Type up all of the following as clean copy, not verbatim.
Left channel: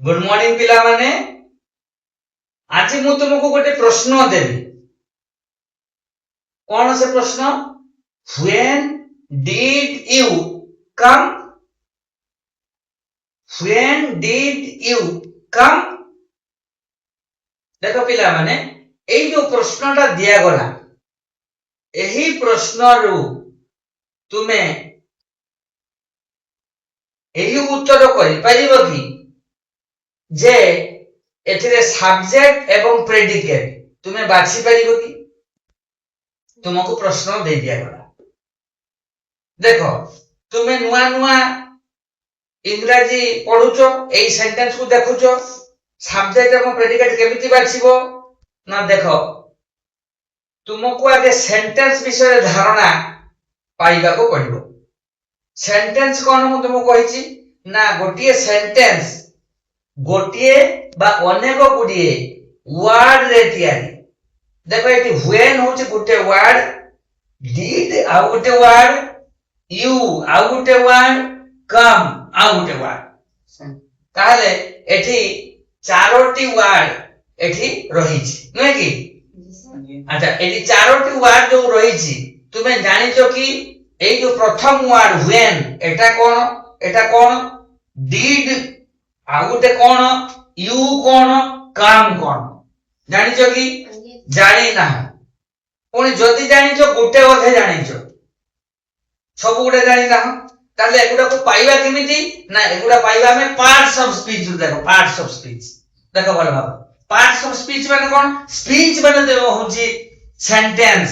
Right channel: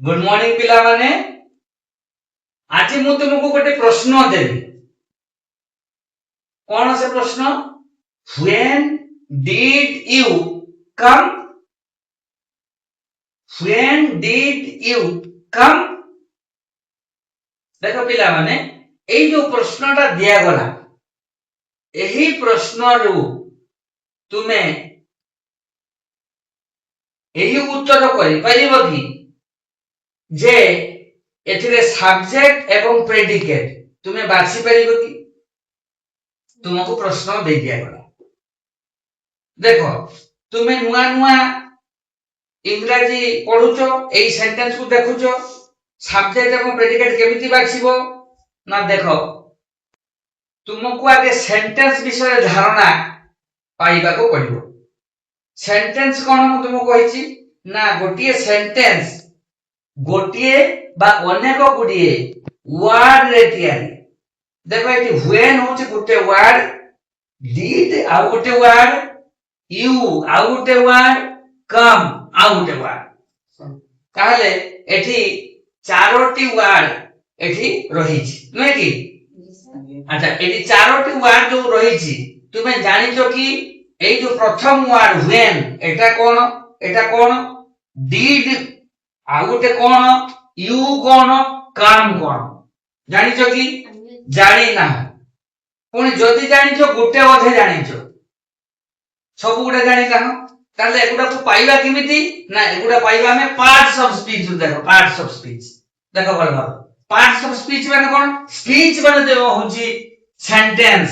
good morning पिला माने आज मु तुमको गोटे प्रश्न देबी कौन से प्रश्न when did you come when did you come देखो पिला माने एई जो प्रश्नटा दिया गला एही प्रश्न रु तुमे एही उत्तर करि परिबो कि जे एथिरे सब्जेक्ट एवं प्रेडिकेट तुमे बाछि परिबो कि तुमको प्रश्न दे दिया गला देखो तुमे नुआ नुआ इंग्रजी पढुचो एई सेंटेंस को देखुचो सब्जेक्ट एवं प्रेडिकेट केमिति बाछिबो ना देखो तुमको आगे सेंटेंस विषय धारणा पाइबा को पड़िबो सेंटेंस कोन मु तुमको कहिछि ना गोटिए सेंटेंस गोटिए बा अनेक गुडिए वर्ड रे तियारी देखो एटी व्हेन होछि गोटे वर्ड डिड आ गोटे वर्ड यू आ गोटे वर्ड कम आ गोटे वर्ड ताले एठी चारोटी वर्ड एठी रहिछि नै कि अच्छा एटी चारोटी वर्ड जो रहिछि तुमे जानिछो कि এই যে প্রথম ওয়ার্ড when এটা কোন did আর গোটে কোন you কোন come কোন জানিছো কি জানি না পুনি যদি জানিছো গোটে অধে জানিছো সব গুড়ে জানি না তাহলে এগুড়াকে পাইবা কেমিতি না এগুড়া পাইবা আমি পার্টস অফ স্পিচ দেখো পার্টস অফ স্পিচ দেখো ভালো ভালো পার্টস অফ স্পিচ মানে কোন স্পিচ মানে দেখো হচ্ছে সেন্টেন্স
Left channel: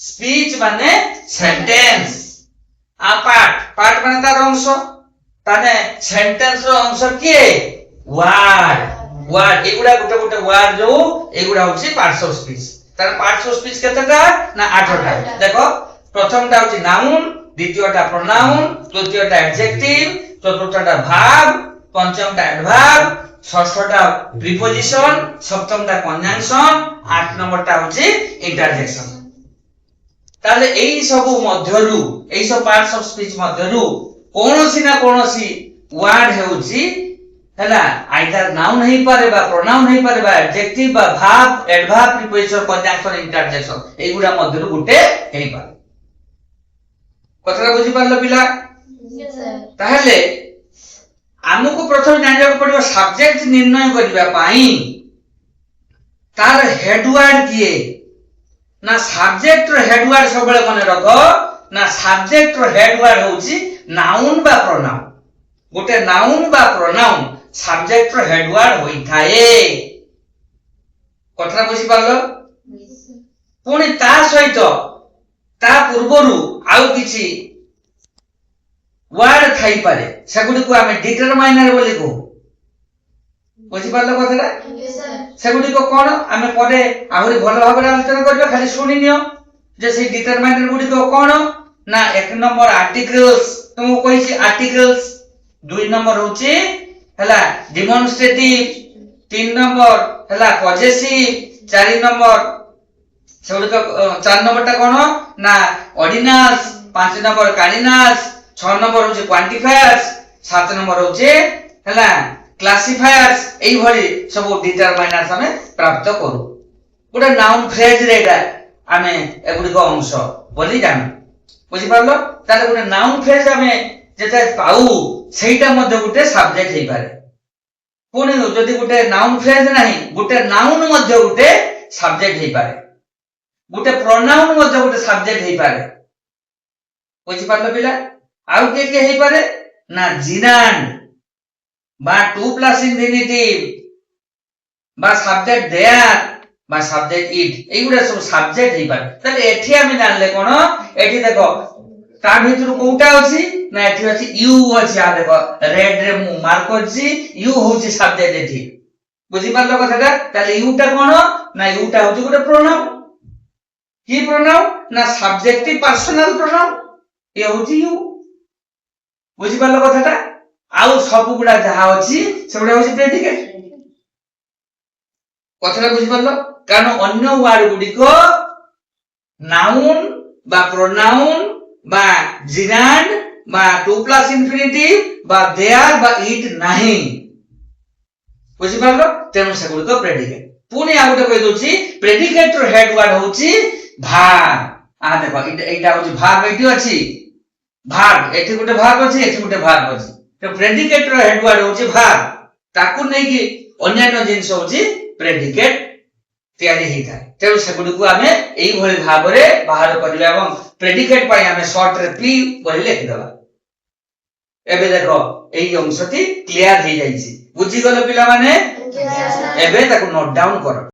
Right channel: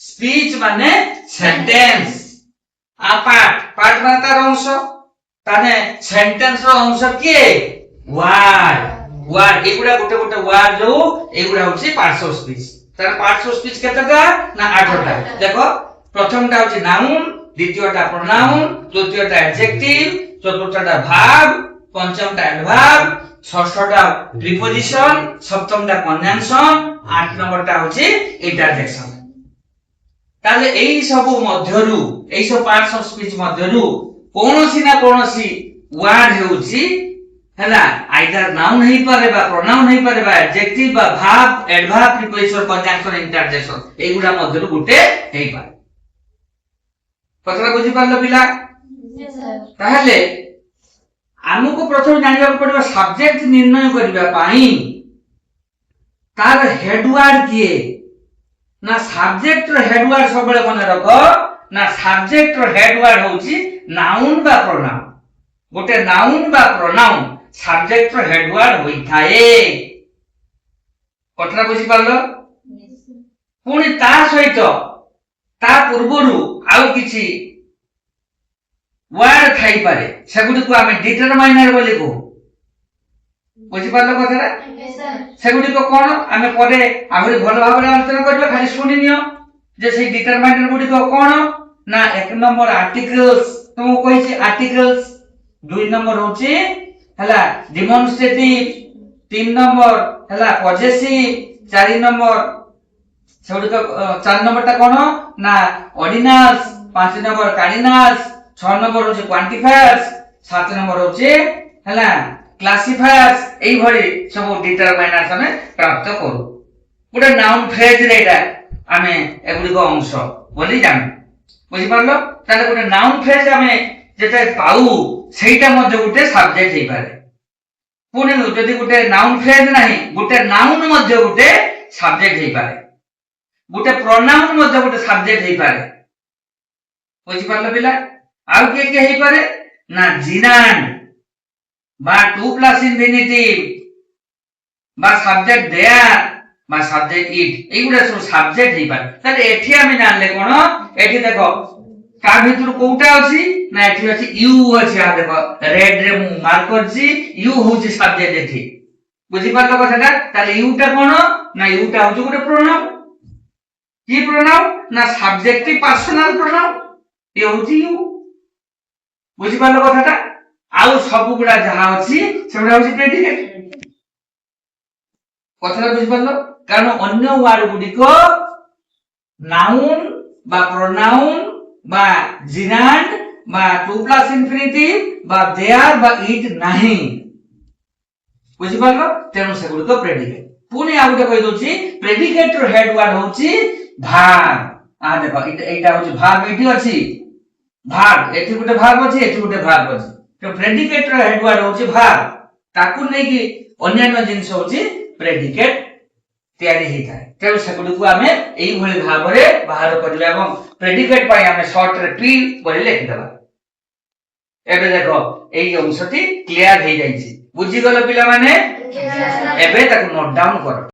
स्पीच माने सेंटेंस आ पार्ट माने तार अंश ताने सेंटेंस रो अंश के वर्ड एगुडा गोटे गोटे वर्ड जो एगुडा होछि पार्ट्स ऑफ स्पीच तार पार्ट्स ऑफ स्पीच केतेटा ना 8टा देखो प्रथमटा होछि नाउन द्वितीयटा प्रोनाउन तृतीयटा एडजेक्टिव चतुर्थटा भार्ब पंचमटा एडवर्ब षष्ठटा प्रीपोजिशन सप्तमटा कंजंक्शन 8 नंबरटा होछि इंटरजेक्शन ताले एई सब मध्यरु एई सब पार्ट्स ऑफ स्पीच मध्यरु कोनोसी ना कोनोसी वर्ड हेउची हैला आइदर नाउन हेई पारे बा प्रोनाउन हेई पारे बा एडजेक्टिव बा verb adverb preposition conjunction interjection एगुडा मध्यरु गुटे हेई पारे कथरा बुझी पारलो पिला यस सर ताहले हमको प्रथम जानिबा पड़िबा सब्जेक्ट निर्णय करिबा पाई तार हेडवर्ड किए ना सब्जेक्ट रो हेडवर्ड सबले मने रखो ना सब्जेक्ट रो हेडवर्ड होची नाउन बा प्रोनाउन गोटे नाउन बा प्रोनाउन सब्जेक्ट रो हेडवर्ड होई थाए कथरा बुझी पारलो पुनी ता सहित ता पूर्वरु आउ किछि वर्ड थाई पारे सेगुडी को हमें डिटरमाइनर बोली को बुझी पारलो कथरा सेगुडी को कोन आमे परे आहुरी भलो भाबरे आलोचना करबे खाली सुनि नियो जे से डिटरमाइनर गुडी को कोन ना एक नंबर आर्टिकल्स तुमको कहिछि आर्टिकल्स दुई नंबर होछि हला डेमोन्स्ट्रेटिव तीन नंबर हला पॉजेसिव चार नंबर सेगुडी को चार नंबरटा कोन ना ऑर्डिनल्स पांच नंबर कार्डिनल्स 6 नंबर होछि क्वांटिफायर्स 7 नंबर होछि हला क्लासिफायर्स एई भली सब डिटरमाइनर्स हमें प्राप्त करू गोटे नाउन फ्रेज रेटा हमें एगुडी को अंश बोली जान बुझी पारलो ताले गोटे नाउन फ्रेज हमें जेते पाऊ सेटा मध्ये गोटे सब्जेक्ट हेई पारे पुनी जदी गोटे नाउन फ्रेज नाही गोटे नाउन मध्ये गोटे सब्जेक्ट हेई पारे गोटे प्रोनाउन मध्ये गोटे सब्जेक्ट हेई पारे बुझी पारलो पिला आउ के हेई पारे ना जिनान बा 2 प्लस इंफिनिटिव बा सब्जेक्ट देयर बा सब्जेक्ट इट एगुडा सब सब्जेक्ट हेई पारे ताले एठी आमी जानले कोन एठी देखो ता भितर कोउटा अछि ना एठी अछि यू अछि आ देखो रेड रे मु मार्क करछि यू होछि सब्जेक्ट एठी बुझी पारलो कथाटा ताले यूटा कोन ना यूटा होछि गोटे प्रोनाउन की प्रोनाउन ना सब्जेक्टिव पर्सनल प्रोनाउन ए होछि यू बुझी पारलो कथाटा आउ सब गुडा जहा अछि सेबडा होछि प्रेडिकेट कथरा बुझि परलो कारण अन्य वर्ड गुडी को नाउन बा प्रोनाउन बा जिनान बा 2 प्लस इंफिनिटिव बा देयर बा इट नाही ବୁଝିପାରିଲ ତେଣୁ ସେଗୁଡିକ ପ୍ରେଡିକେଟ ପୁଣି ଆଉ ଗୋଟେ କହିଦଉଛି ପ୍ରେଡିକେଟ ର ହେଡ ୱାର୍ଡ ହଉଛି ଭାର୍ବ ଦେଖ ଏଇଟା ହଉଛି ଭାର୍ବ ଏଇଠି ଅଛି ଭାର୍ବ ଏଠି ଗୋଟେ ଭାର୍ବ ଅଛି ଏଠି ଗୋଟେ ଭାର୍ବ ଅଛି ତେଣୁ ପ୍ରେଡିକେଟ ର ହେଡ ୱାର୍ଡ ହଉଛି ଭାର୍ବ ତାକୁ ନେଇକି ଅନ୍ୟାନ୍ୟ ଜିନିଷ ହଉଛି ପ୍ରେଡିକେଟ ତିଆରି ହେଇଥାଏ ତେଣୁ ସେଗୁଡିକୁ ଆମେ ଏଇଭଳି ଭାବରେ ବାହାର କରିବା ଏବଂ ପ୍ରେଡିକେଟ ପାଇଁ ଆମେ ସର୍ଟ ରେ ପି ବୋଲି ଲେଖିଦେବା ଏବେ ଦେଖ ଏଇ ଅଂଶଟି କ୍ଲିୟର ହେଇଯାଇଛି ବୁଝିଗଲ ପିଲାମାନେ ଏବେ ତାକୁ ନୋଟ ଡାଉନ କର